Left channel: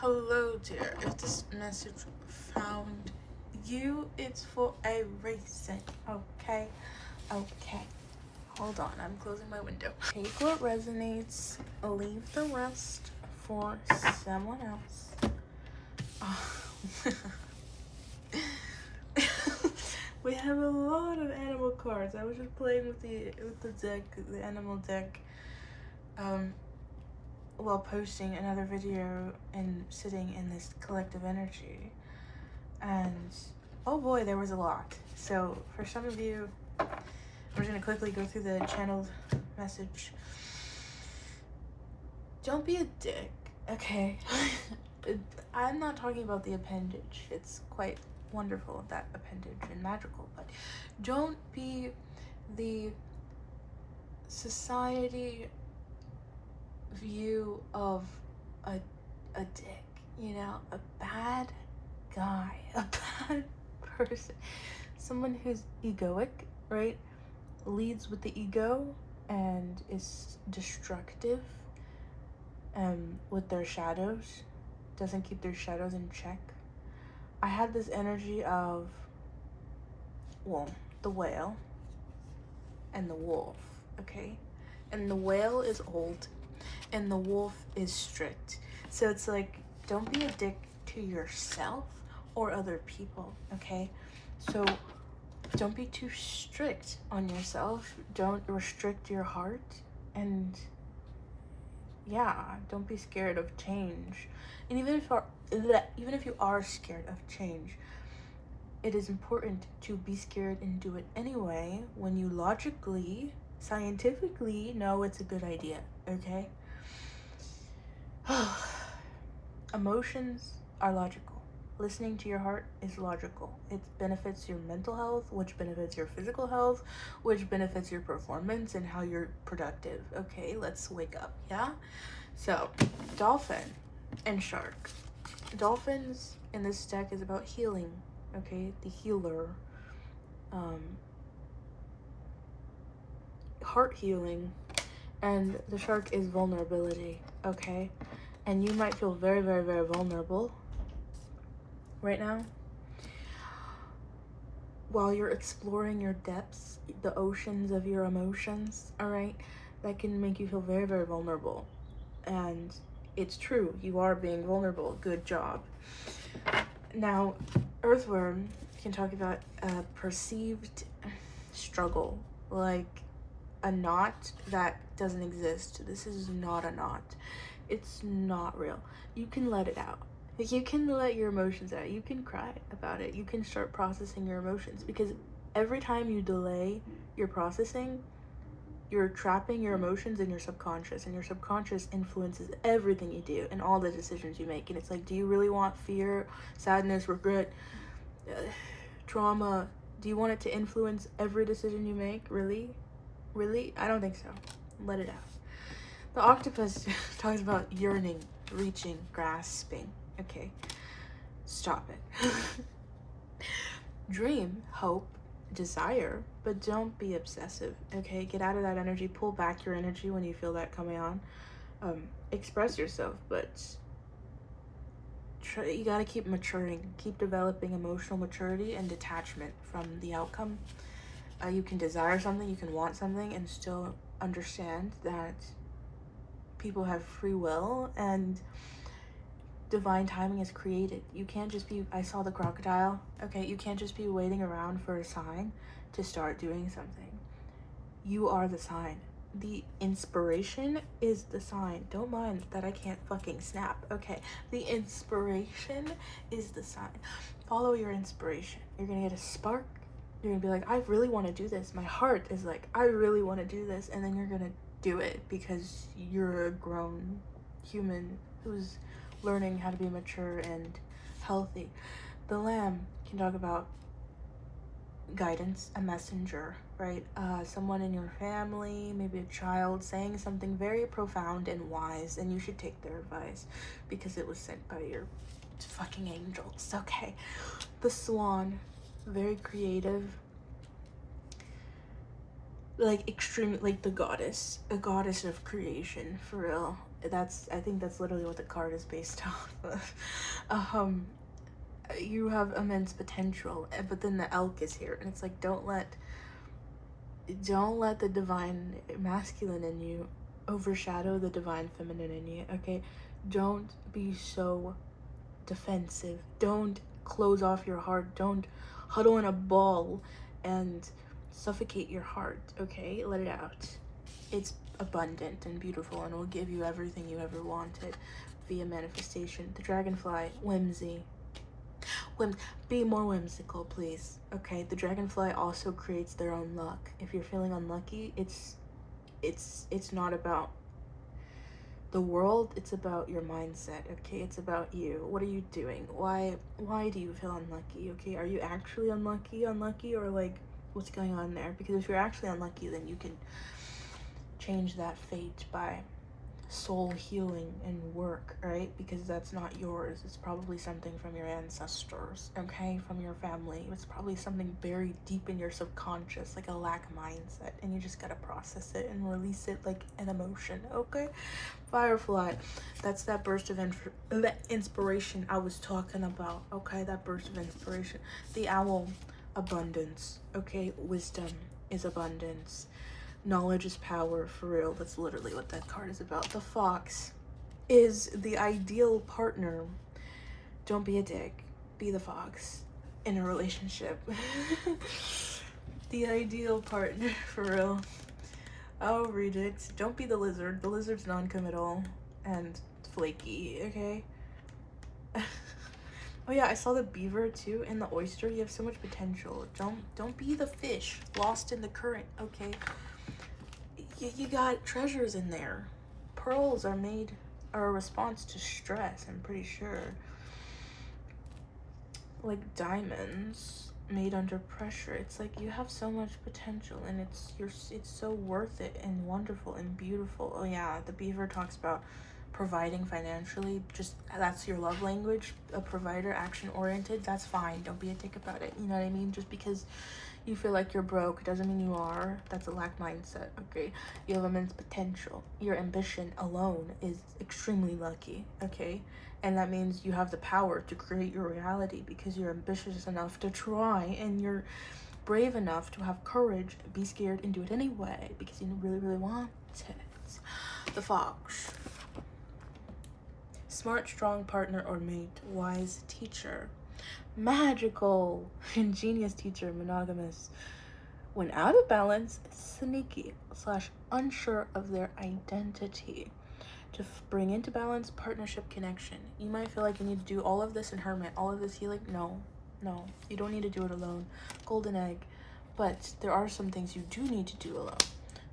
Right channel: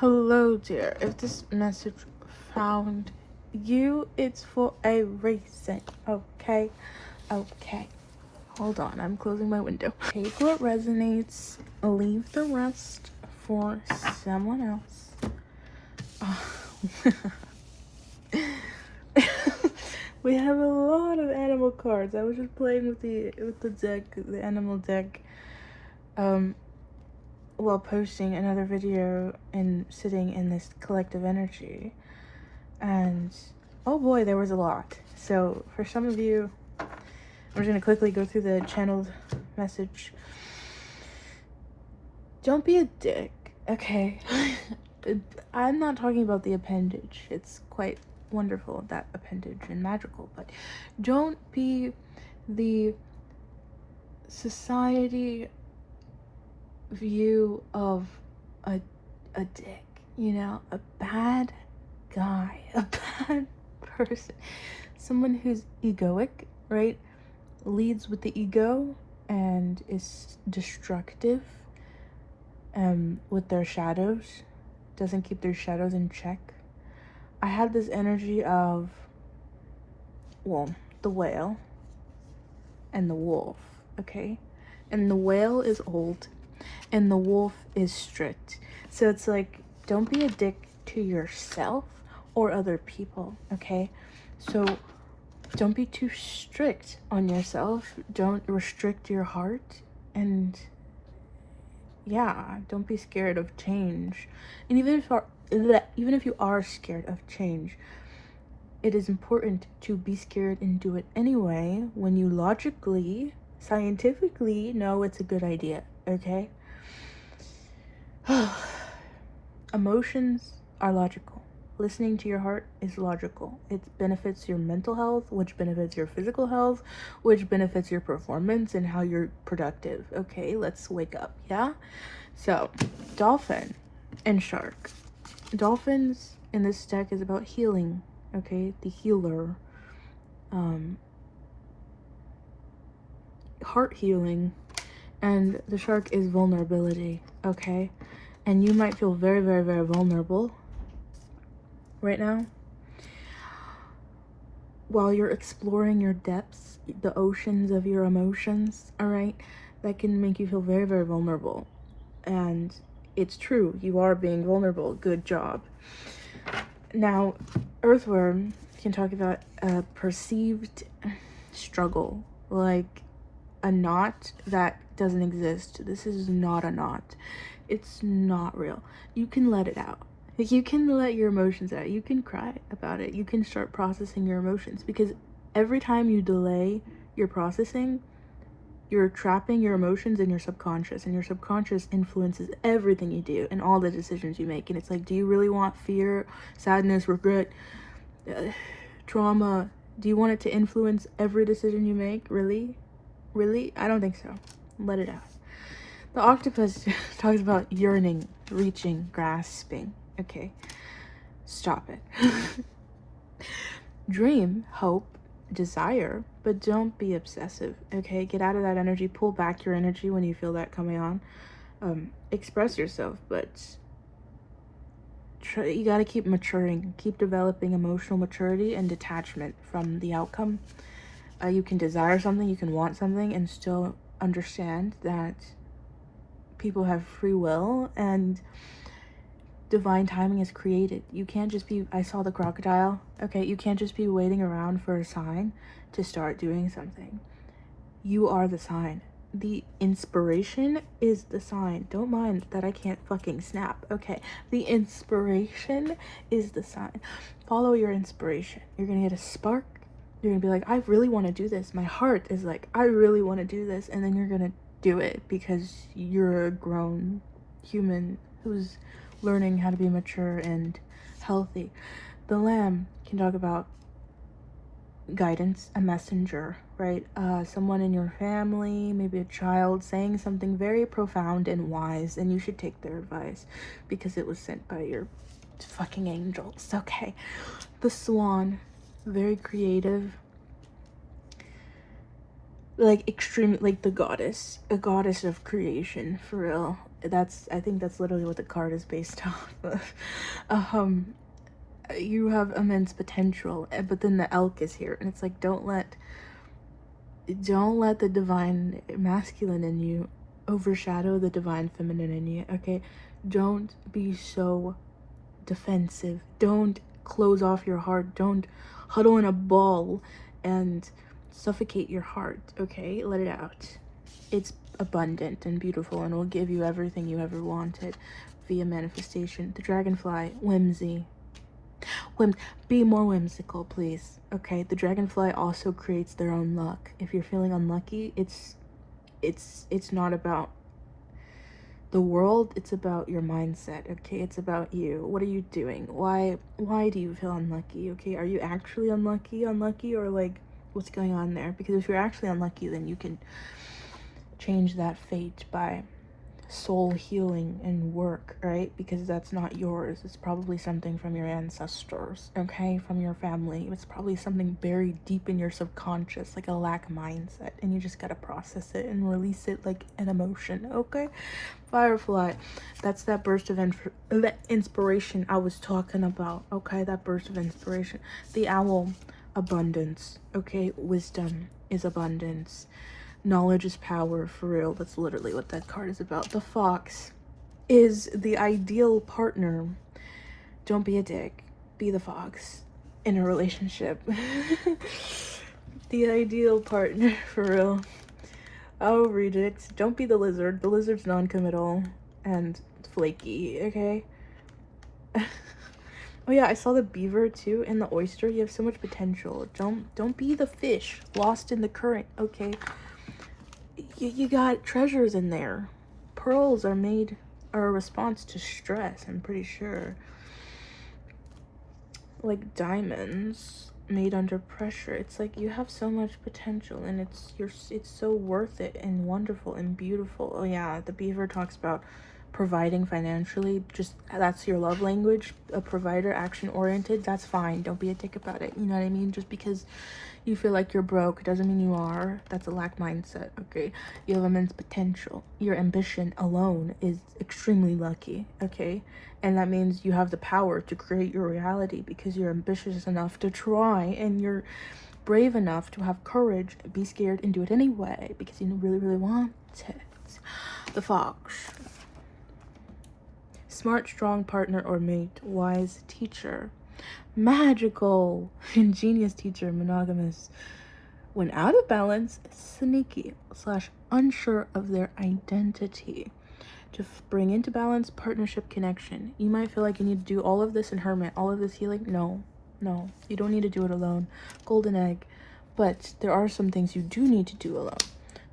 Hello, dear. If this message found you, it's for a reason. Okay? Okay. Hold on, I'm closing my window. Take what resonates, leave the rest for someone else. We have a lot of animal cards. I was just playing with the deck, the animal deck, while posting another video and sitting in this collective energy, and oh boy, there was a lot. So for some of you, I'm just gonna quickly go through the channeled message. Don't be a dick, okay? I'm not talking about the appendage. It's quite wonderful, that appendage, and magical, but don't be the society view of a dick, you know, a bad guy, a bad person, someone who's egoic, right? Leads with the ego and is destructive with their shadows, doesn't keep their shadows in check. I had this energy of, well, the whale and the wolf, okay? And the whale is old and the wolf is strict. So it's like, don't be a dick to yourself or other people, okay? So don't be too strict on yourself. Don't restrict your heart. And yeah, don't be scared of change. And even if you are scared of change, it is important to be scared and do it anyway when you logically, scientifically know it's a good idea, okay? Emotions are logical. Listening to your heart is logical. It benefits your mental health, which benefits your physical health, which benefits your performance and how you're productive. Okay, let's wake up, yeah? So, dolphin and shark. Dolphins in this deck is about healing, okay? The healer. Heart healing. And the shark is vulnerability, okay? And you might feel very, very, very vulnerable right now while you're exploring your depths, the oceans of your emotions, all right? That can make you feel very, very vulnerable. And it's true, you are being vulnerable. Good job. Now, earthworm can talk about a perceived struggle, like a knot that doesn't exist. This is not a knot. It's not real. You can let it out. Like, you can let your emotions out. You can cry about it. You can start processing your emotions, because every time you delay your processing, you're trapping your emotions in your subconscious, and your subconscious influences everything you do and all the decisions you make. And it's like, do you really want fear, sadness, regret, trauma? Do you want it to influence every decision you make? Really? Really? I don't think so. Let it out. The octopus talks about yearning, reaching, grasping. Okay, stop it. Dream, hope, desire, but don't be obsessive, okay? Get out of that energy. Pull back your energy when you feel that coming on. Express yourself, but you gotta keep maturing. Keep developing emotional maturity and detachment from the outcome. You can desire something, you can want something, and still understand that people have free will and divine timing is created. You can't just be, I saw the crocodile, okay? You can't just be waiting around for a sign to start doing something. You are the sign. The inspiration is the sign. Don't mind that I can't fucking snap, okay? The inspiration is the sign. Follow your inspiration. You're gonna get a spark. You're gonna be like, I really want to do this. My heart is like, I really want to do this. And then you're gonna do it because you're a grown human who's learning how to be mature and healthy. The lamb can talk about guidance, a messenger, right? Someone in your family, maybe a child, saying something very profound and wise, and you should take their advice because it was sent by your fucking angels, okay? The swan, very creative, like extreme, like the goddess, a goddess of creation, for real. I think that's literally what the card is based off of. You have immense potential, but then the elk is here, and it's like, don't let the divine masculine in you overshadow the divine feminine in you, okay? Don't be so defensive. Don't close off your heart. Don't huddle in a ball and suffocate your heart, okay? Let it out. It's abundant and beautiful, and will give you everything you ever wanted via manifestation. The dragonfly, whimsy. Be more whimsical, please, okay? The dragonfly also creates their own luck. If you're feeling unlucky, it's not about the world, it's about your mindset, okay? It's about you. What are you doing? Why do you feel unlucky, okay? Are you actually unlucky, or like, what's going on there? Because if you're actually unlucky, then you can change that fate by soul healing and work, right? Because that's not yours. It's probably something from your ancestors, okay? From your family. It's probably something buried deep in your subconscious, like a lack mindset, and you just gotta process it and release it like an emotion, okay? Firefly, that's that burst of inspiration I was talking about, okay? That burst of inspiration. The owl, abundance, okay? Wisdom is abundance. Knowledge is power, for real. That's literally what that card is about. The fox is the ideal partner. Don't be a dick. Be the fox in a relationship. The ideal partner, for real. I'll read it. Don't be the lizard. The lizard's non-committal and flaky, okay? Oh yeah, I saw the beaver too, and the oyster. You have so much potential. Don't be the fish lost in the current, okay? You got treasures in there. Pearls are a response to stress, I'm pretty sure. Like diamonds made under pressure. It's like you have so much potential, and it's so worth it and wonderful and beautiful. Oh yeah, the beaver talks about providing financially. Just that's your love language. A provider, action oriented. That's fine. Don't be a dick about it. You know what I mean? Just because you feel like you're broke doesn't mean you are. That's a lack mindset, okay? You have immense potential. Your ambition alone is extremely lucky, okay? And that means you have the power to create your reality because you're ambitious enough to try, and you're brave enough to have courage, be scared, and do it anyway because you really, really want it. The fox. Smart, strong partner or mate. Wise teacher. Magical, ingenious teacher, monogamous. When out of balance, sneaky / unsure of their identity. To bring into balance, partnership, connection. You might feel like you need to do all of this in hermit, all of this healing. No, you don't need to do it alone. Golden egg. But there are some things you do need to do alone.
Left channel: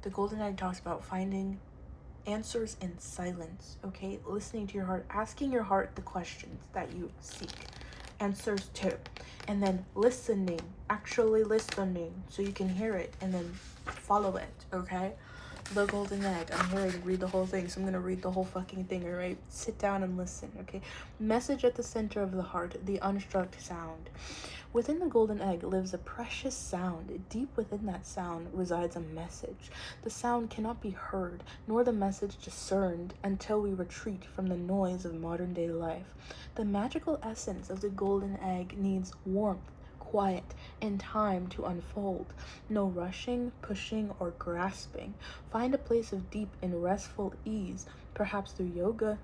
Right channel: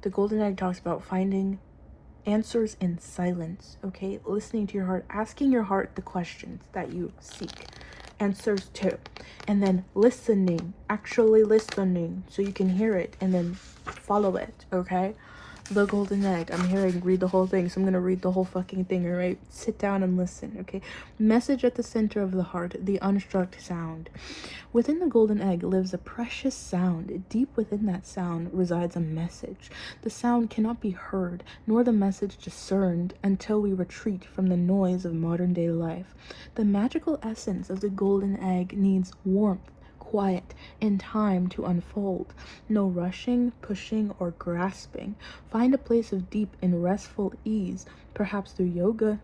The golden egg talks about finding answers in silence, okay? Listening to your heart, asking your heart the questions that you seek answers to, and then listening, actually listening, so you can hear it and then follow it, okay? The golden egg. I'm here to read the whole thing, so I'm gonna read the whole fucking thing, all right? Sit down and listen, okay? Message at the center of the heart, the unstruck sound. Within the golden egg lives a precious sound. Deep within that sound resides a message. The sound cannot be heard, nor the message discerned, until we retreat from the noise of modern day life. The magical essence of the golden egg needs warmth, quiet, and time to unfold. No rushing, pushing, or grasping. Find a place of deep and restful ease, perhaps through yoga,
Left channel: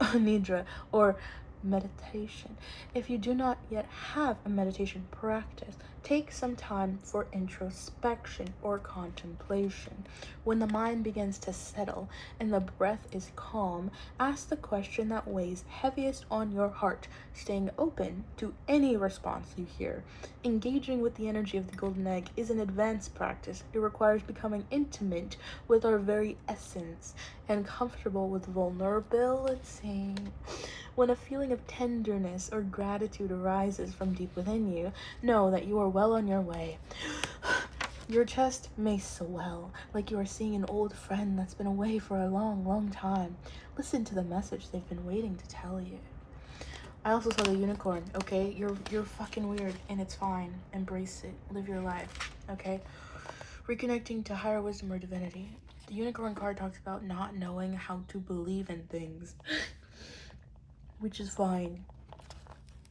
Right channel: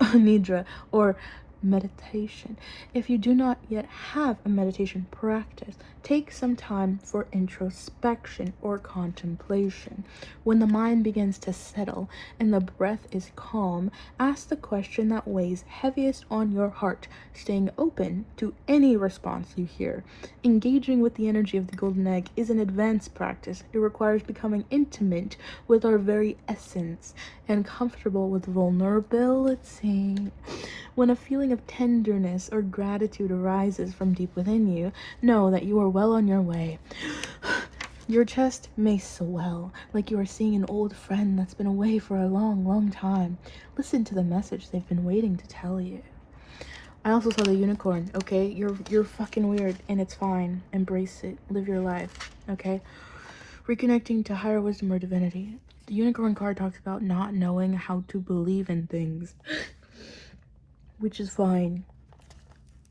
nidra, or meditation. If you do not yet have a meditation practice, take some time for introspection or contemplation. When the mind begins to settle and the breath is calm, ask the question that weighs heaviest on your heart, staying open to any response you hear. Engaging with the energy of the golden egg is an advanced practice. It requires becoming intimate with our very essence and comfortable with vulnerability. When a feeling of tenderness or gratitude arises from deep within you, know that you are well on your way. Your chest may swell, like you are seeing an old friend that's been away for a long, long time. Listen to the message they've been waiting to tell you. I also saw the unicorn, okay? You're fucking weird, and it's fine. Embrace it. Live your life, okay? Reconnecting to higher wisdom or divinity. The unicorn card talks about not knowing how to believe in things, which is fine.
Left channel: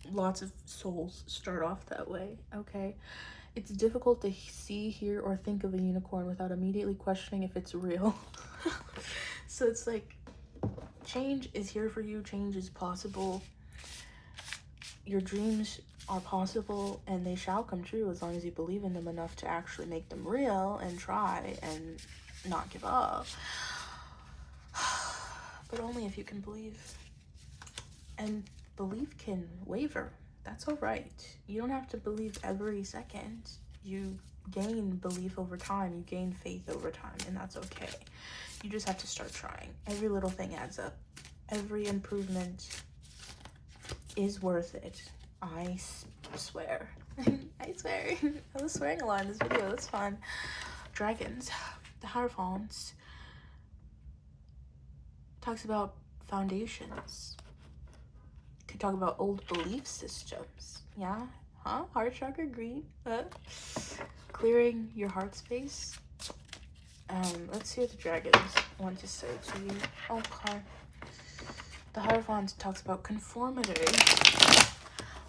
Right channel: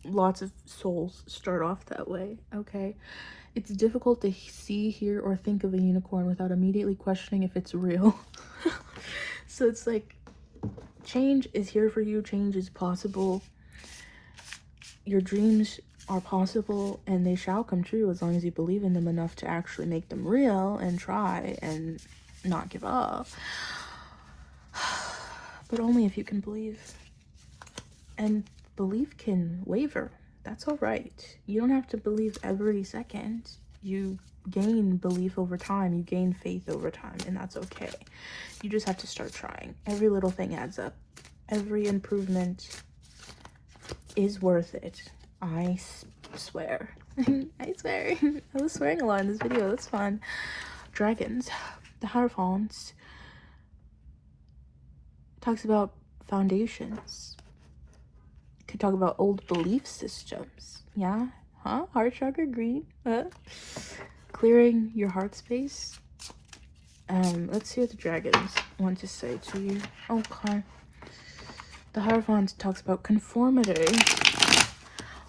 Lots of souls start off that way, okay? It's difficult to see, hear, or think of a unicorn without immediately questioning if it's real. So it's like, change is here for you, change is possible. Your dreams are possible and they shall come true as long as you believe in them enough to actually make them real and try and not give up. But only if you can believe. And belief can waver. That's all right. You don't have to believe every second. You gain belief over time. You gain faith over time, and that's okay. You just have to start trying. Every little thing adds up. Every improvement is worth it. I swear. I swear. I was swearing a lot in this video. That's fun. Dragons. The Hierophants talks about foundations. Could talk about old belief systems. Yeah? Huh? Heart chakra, green. Clearing your heart space. Let's see what the dragons want to say to you. Okay. The Hierophant talks about conformity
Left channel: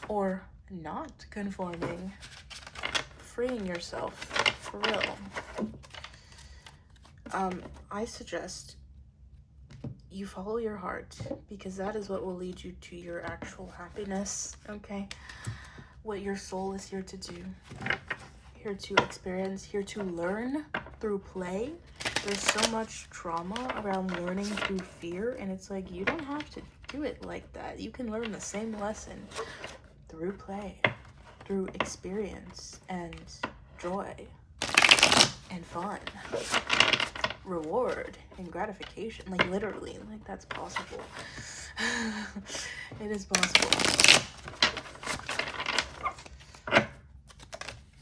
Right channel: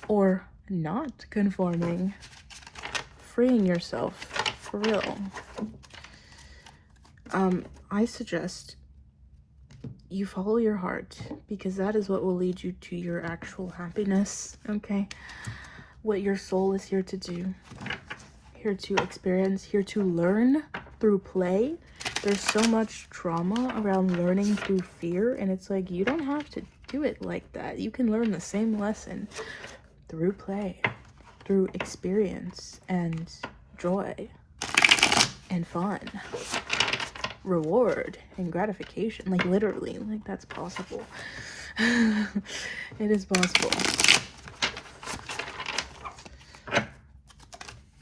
or not conforming. Freeing yourself for real. I suggest you follow your heart, because that is what will lead you to your actual happiness, okay? What your soul is here to do, here to experience, here to learn through play. There's so much trauma around learning through fear, and it's like, you don't have to do it like that. You can learn the same lesson through play, through experience and joy and fun, reward and gratification. Like, literally, like, that's possible. It is possible.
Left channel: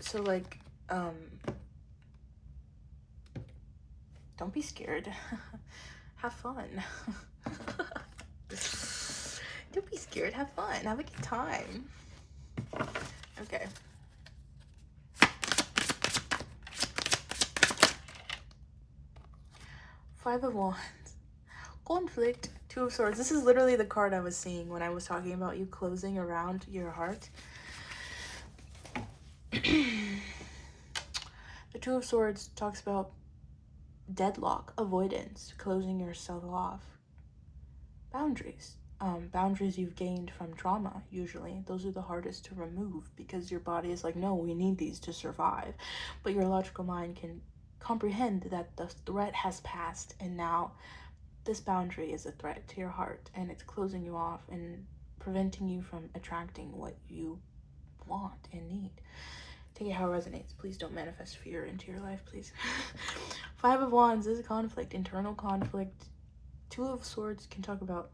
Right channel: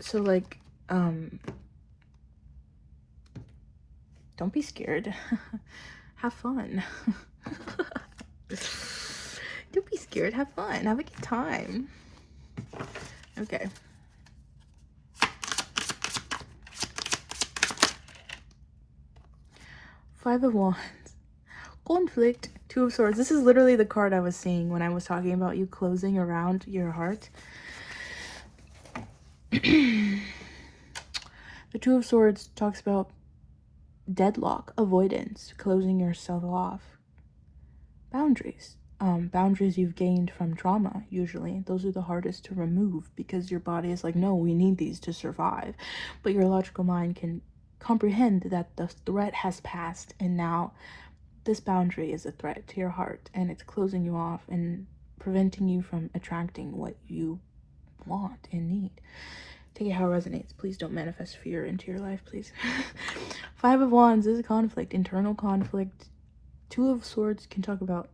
So, like, don't be scared. Have fun. Don't be scared. Have fun. Have a good time. Okay. Five of Wands. Conflict. Two of Swords. This is literally the card I was seeing when I was talking about you closing around your heart. The Two of Swords talks about deadlock, avoidance, closing yourself off. Boundaries. Boundaries you've gained from trauma, usually. Those are the hardest to remove because your body is like, no, we need these to survive. But your logical mind can comprehend that the threat has passed, and now this boundary is a threat to your heart, and it's closing you off and preventing you from attracting what you want and need. Take it how it resonates. Please don't manifest fear into your life, please. Five of Wands is a conflict, internal conflict. Two of Swords can talk about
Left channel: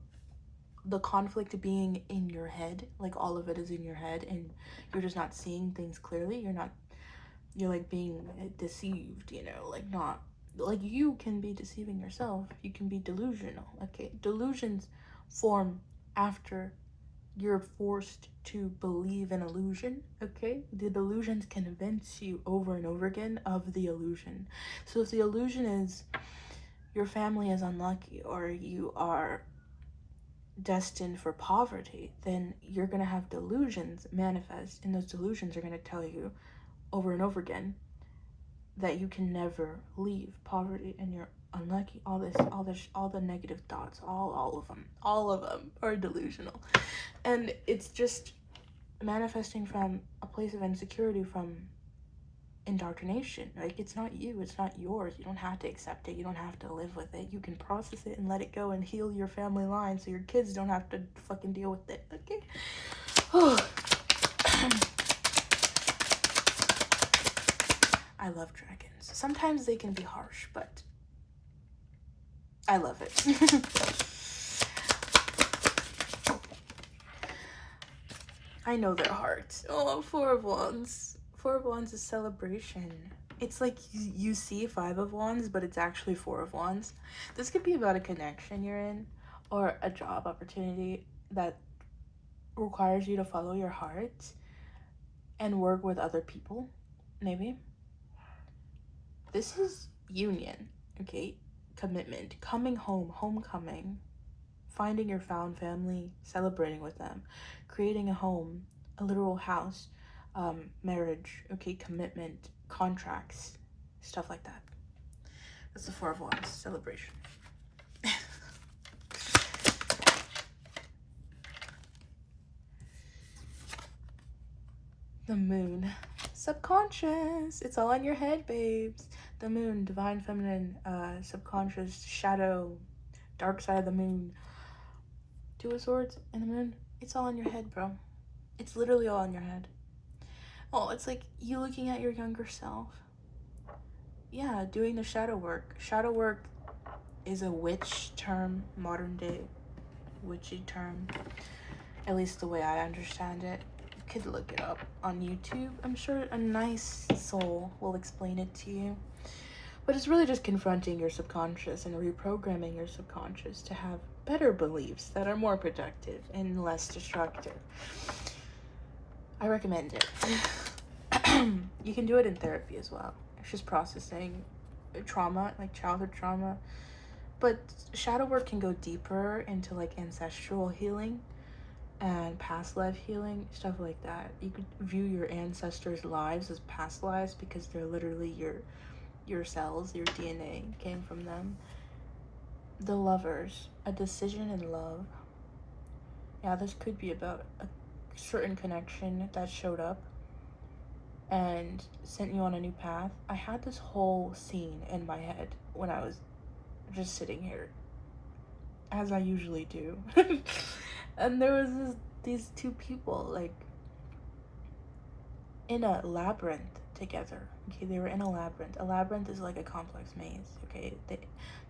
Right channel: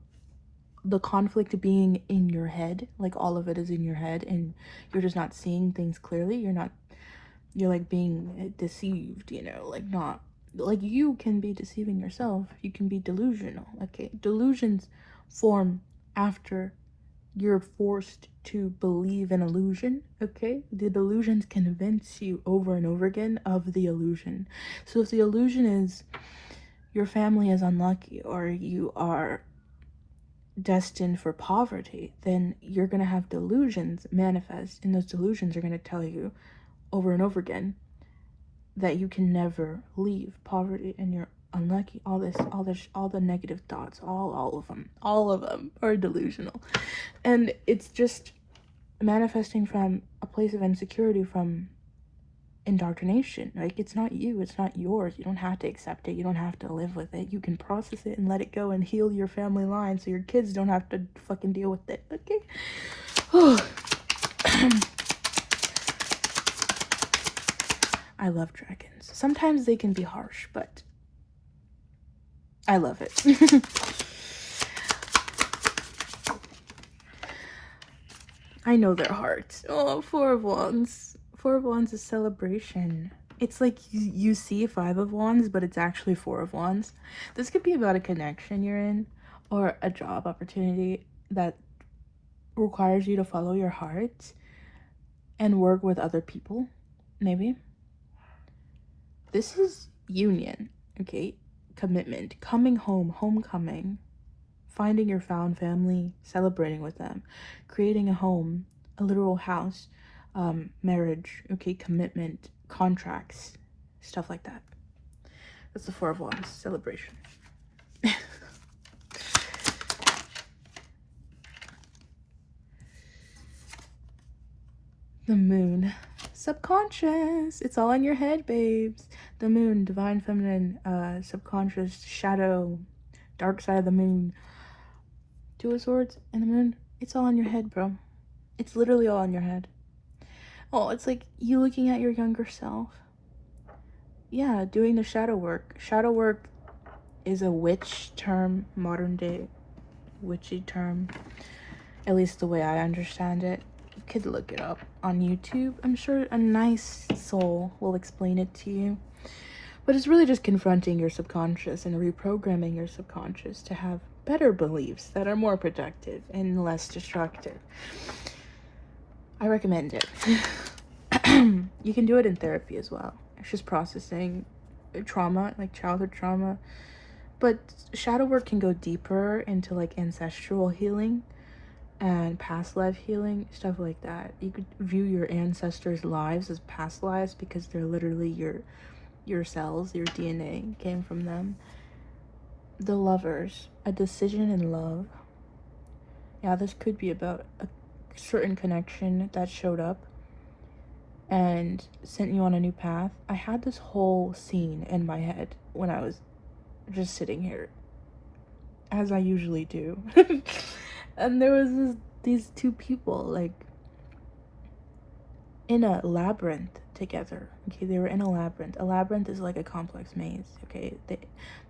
the conflict being in your head, like all of it is in your head, and you're just not seeing things clearly. You're like being deceived, you know, like not, like you can be deceiving yourself. You can be delusional, okay? Delusions form after you're forced to believe an illusion, okay? The delusions convince you over and over again of the illusion. So if the illusion is your family is unlucky or you are destined for poverty, then you're gonna have delusions manifest, and those delusions are gonna tell you over and over again that you can never leave poverty and you're unlucky. All the negative thoughts, all of them are delusional, and it's just manifesting from a place of insecurity, from indoctrination. Like, it's not you, it's not yours. You don't have to accept it, you don't have to live with it. You can process it and let it go and heal your family line so your kids don't have to fucking deal with it, okay? I love dragons. Sometimes they can be harsh, but I love it. I know their hearts. Oh, Four of Wands. Four of Wands is celebration. It's like you see Five of Wands, but it's actually Four of Wands. This could be about a connection you're in or a job opportunity that requires you to follow your heart and work with other people, maybe. This is union, okay? Commitment, coming home, homecoming, finding your found family, celebrating with them, creating a home, a literal house, marriage, okay? Commitment, contracts, stuff like that. That's the Four of Wands, celebration. The Moon, subconscious. It's all in your head, babes. The Moon, divine feminine, subconscious, shadow, dark side of the moon. Two of Swords and the Moon. It's all in your head, bro. It's literally all in your head. Oh, it's like you looking at your younger self. Yeah, doing the shadow work. Shadow work is a witch term, modern day witchy term, at least the way I understand it. You could look it up on YouTube. I'm sure a nice soul will explain it to you. But it's really just confronting your subconscious and reprogramming your subconscious to have better beliefs that are more productive and less destructive. I recommend it. You can do it in therapy as well. It's just processing trauma, like childhood trauma. But shadow work can go deeper into like ancestral healing and past life healing, stuff like that. You could view your ancestors' lives as past lives because they're literally your cells, your DNA came from them. The Lovers, a decision in love. Yeah, this could be about a certain connection that showed up and sent you on a new path. I had this whole scene in my head when I was just sitting here, as I usually do. And there was these two people like in a labyrinth together. Okay, they were in a labyrinth. A labyrinth is like a complex maze, okay?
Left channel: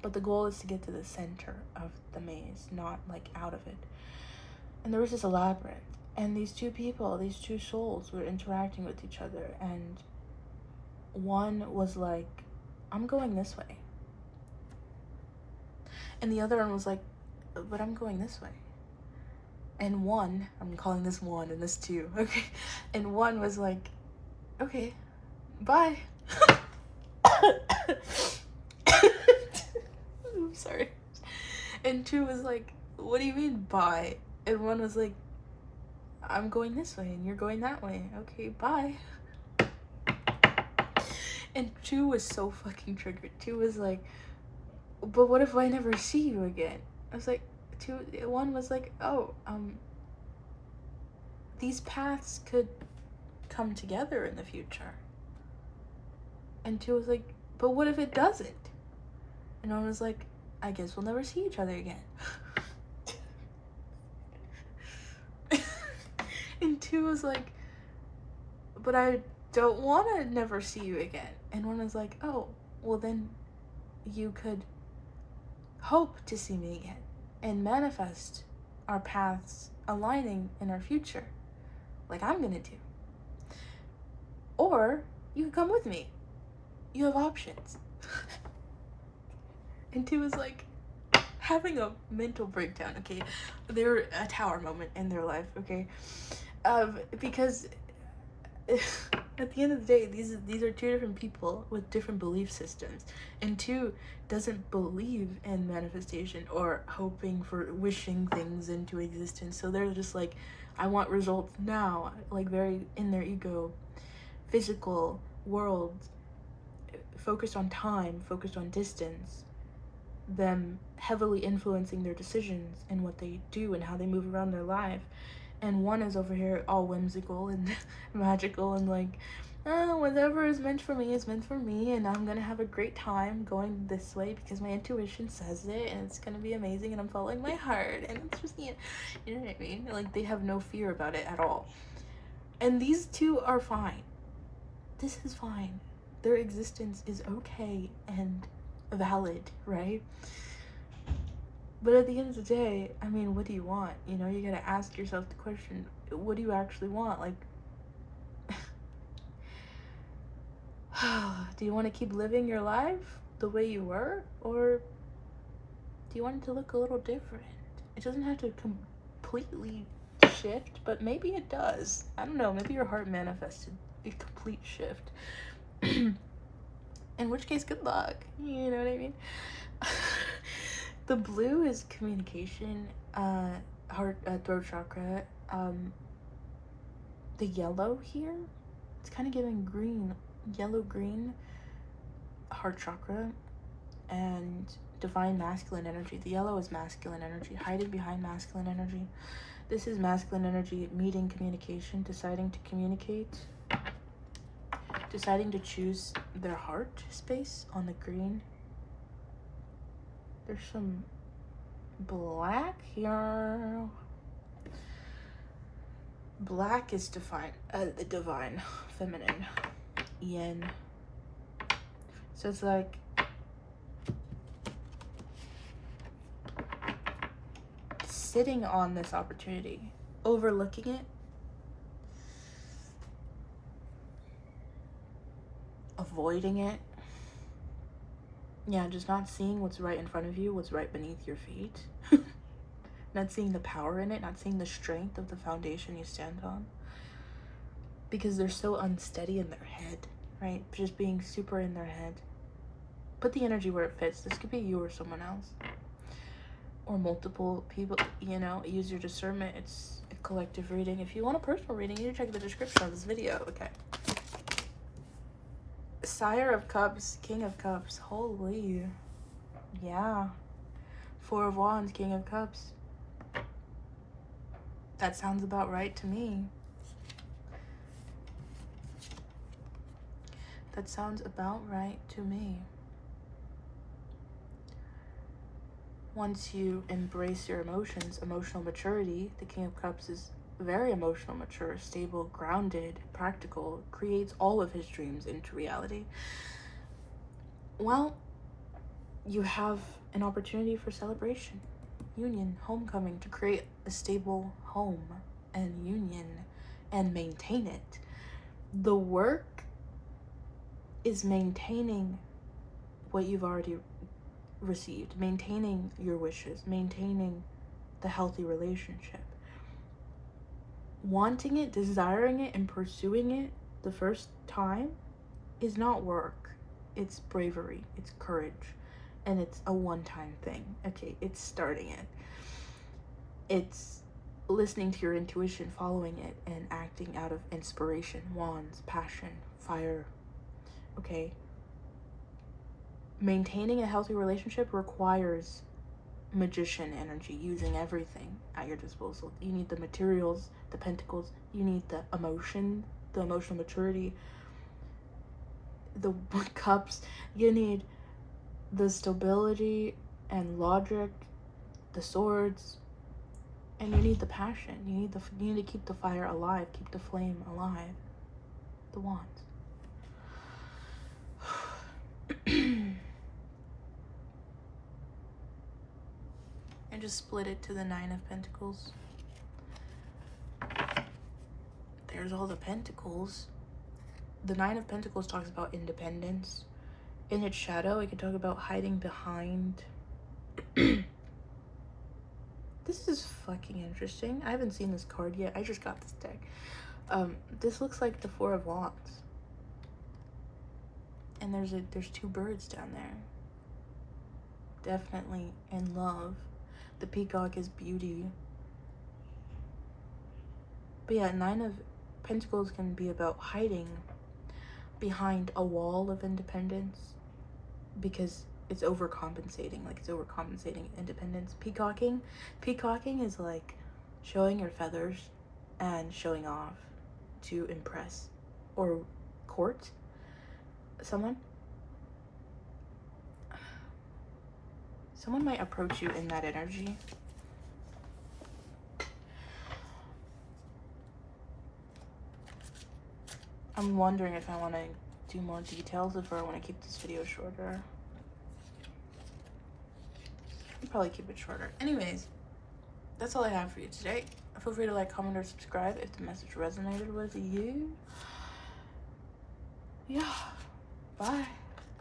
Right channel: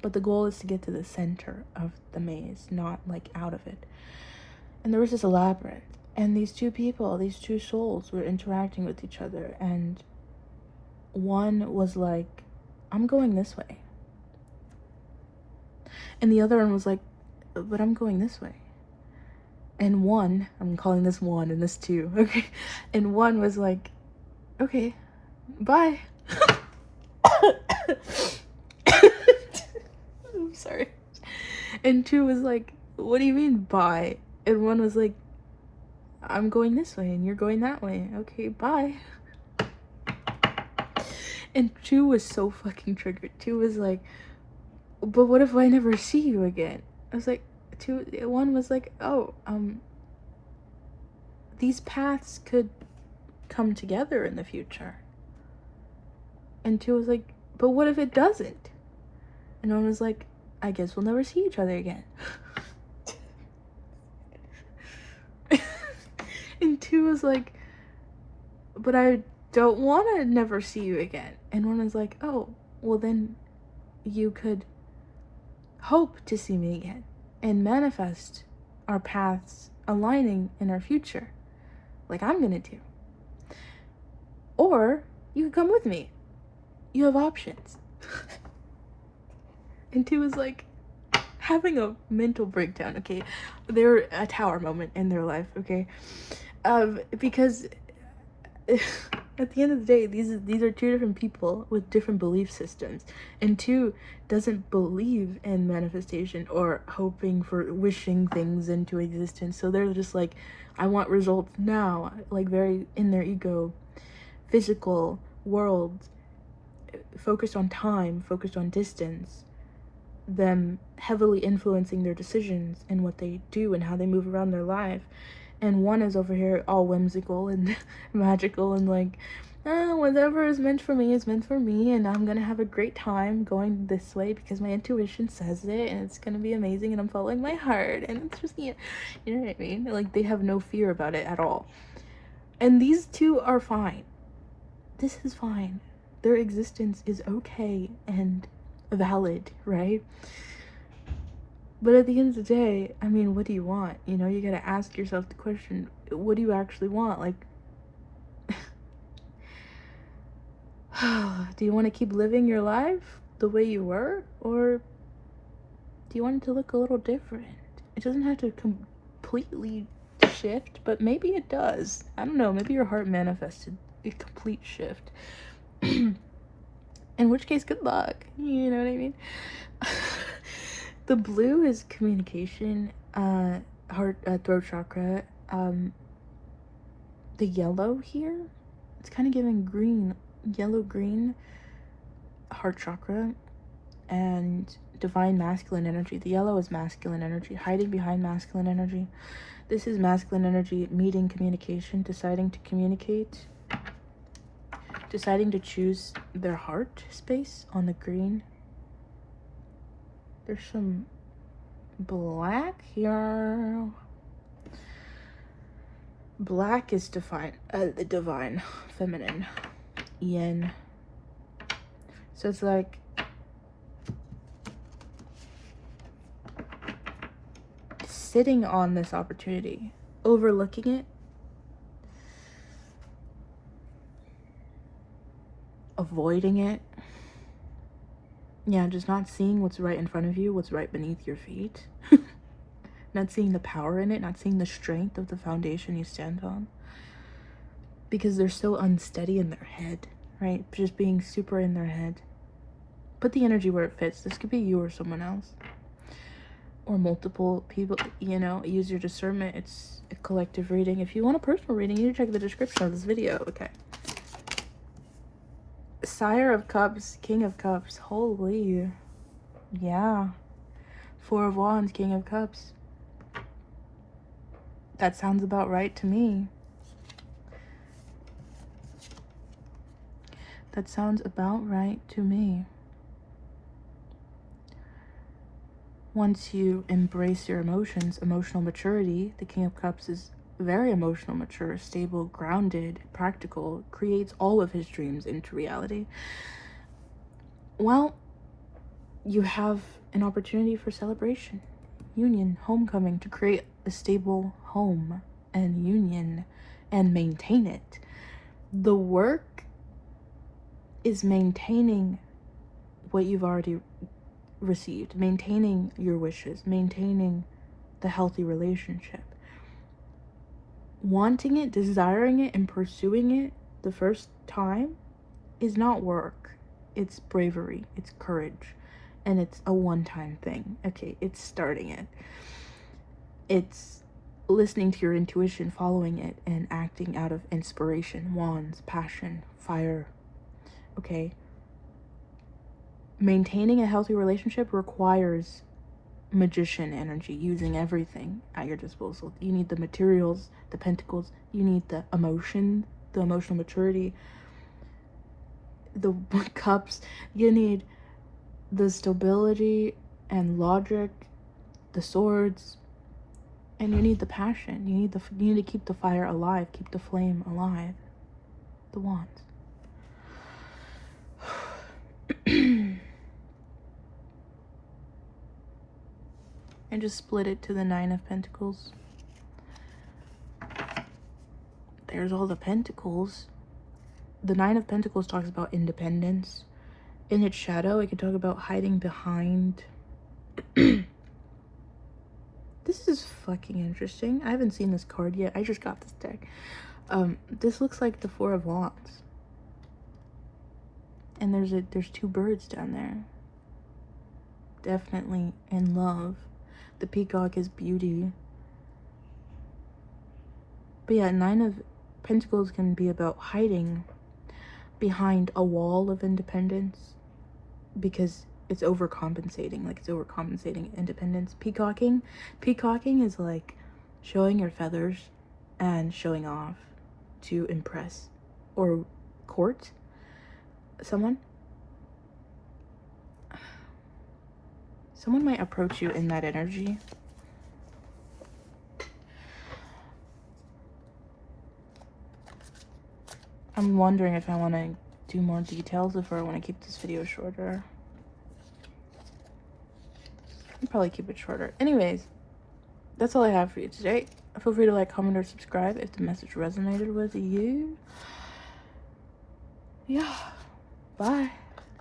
But the goal is to get to the center of the maze, not like out of it. And there was just a labyrinth, and these two people, these two souls were interacting with each other, and one was like, I'm going this way. And the other one was like, but I'm going this way. And one, I'm calling this one and this two, okay? And one was like, okay, bye. I'm sorry. And two was like, what do you mean bye? And one was like, I'm going this way and you're going that way. Okay, bye. And two was so fucking triggered. Two was like, but what if I never see you again? I was like, one was like, oh, these paths could come together in the future. And two was like, but what if it doesn't? And one was like, I guess we'll never see each other again. And two was like, but I don't want to never see you again. And one was like, oh, well then you could hope to see me again and manifest our paths aligning in our future, like I'm gonna do. Or you could come with me. You have options. And two was like having a mental breakdown, okay? They're a tower moment in their life, okay? Because at the end of the day, these are two different people with different belief systems, and two doesn't believe in manifestation or hoping for wishing things into existence. So they're just like, I want results now, like very in their ego, physical world, focused on time, focused on distance, them heavily influencing their decisions and what they do and how they move around their life. And one is over here all whimsical and magical and like, oh, whatever is meant for me is meant for me, and I'm gonna have a great time going this way because my intuition says it, and it's gonna be amazing, and I'm following my heart, and it's just, you know what I mean? Like, they have no fear about it at all. And these two are fine. This is fine. Their existence is okay and valid, right? But at the end of the day, I mean, what do you want? You know, you gotta ask yourself the question, what do you actually want? Like, do you want to keep living your life the way you were? Or do you want it to look a little different? It doesn't have to completely shift, but maybe it does. I don't know, maybe your heart manifested a complete shift. In which case, good luck. You know what I mean? The blue is communication, heart, throat chakra. The yellow here, it's kind of giving green, yellow green, heart chakra, and divine masculine energy. The yellow is masculine energy, hiding behind masculine energy. This is masculine energy meeting communication, deciding to communicate, deciding to choose their heart space on the green. There's some black here. Black is the divine feminine, yin. So it's like sitting on this opportunity, overlooking it, avoiding it. Yeah, just not seeing what's right in front of you, what's right beneath your feet. Not seeing the power in it, not seeing the strength of the foundation you stand on. Because they're so unsteady in their head, right? Just being super in their head. Put the energy where it fits. This could be you or someone else. Or multiple people, you know, use your discernment. It's a collective reading. If you want a personal reading, you need to check the description of this video, okay? Sire of Cups, King of Cups. Holy. Yeah. Four of Wands, King of Cups. That sounds about right to me. That sounds about right to me. Once you embrace your emotions, emotional maturity, the King of Cups is very emotional, mature, stable, grounded, practical, creates all of his dreams into reality. Well, you have an opportunity for celebration, union, homecoming, to create a stable home and union and maintain it. The work is maintaining what you've already received, maintaining your wishes, maintaining the healthy relationship. Wanting it, desiring it, and pursuing it the first time is not work. It's bravery, it's courage, and it's a one-time thing. Okay, it's starting it. It's listening to your intuition, following it, and acting out of inspiration, wands, passion, fire. Okay. Maintaining a healthy relationship requires magician energy, using everything at your disposal. You need the materials, the pentacles, you need the emotion, the emotional maturity, the cups, you need the stability and logic, the swords, and you need the passion. You need to keep the fire alive, keep the flame alive. The wands. I just split it to the 9 of Pentacles. There's all the Pentacles. The 9 of Pentacles talks about independence. In its shadow, it can talk about hiding behind. This is fucking interesting. I haven't seen this card yet. I just got this deck. This looks like the 4 of Wands. And there's 2 birds down there. Definitely in love. The peacock is beauty. But yeah, 9 of Pentacles can be about hiding behind a wall of independence because it's overcompensating. Like, it's overcompensating independence. Peacocking is like showing your feathers and showing off to impress or court someone. Someone might approach you in that energy. I'm wondering if I want to do more details, if I want to keep this video shorter. I'll probably keep it shorter. Anyways, that's all I have for you today. Feel free to like, comment, or subscribe if the message resonated with you. Yeah. Bye.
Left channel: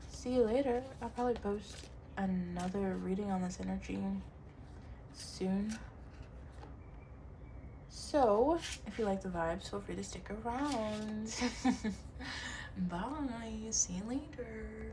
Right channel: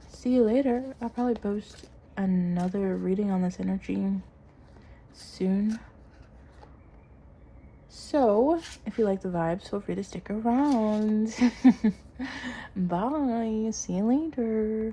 See you later. I'll probably post another reading on this energy soon. So, if you like the vibes, feel free to stick around. Bye. See you later.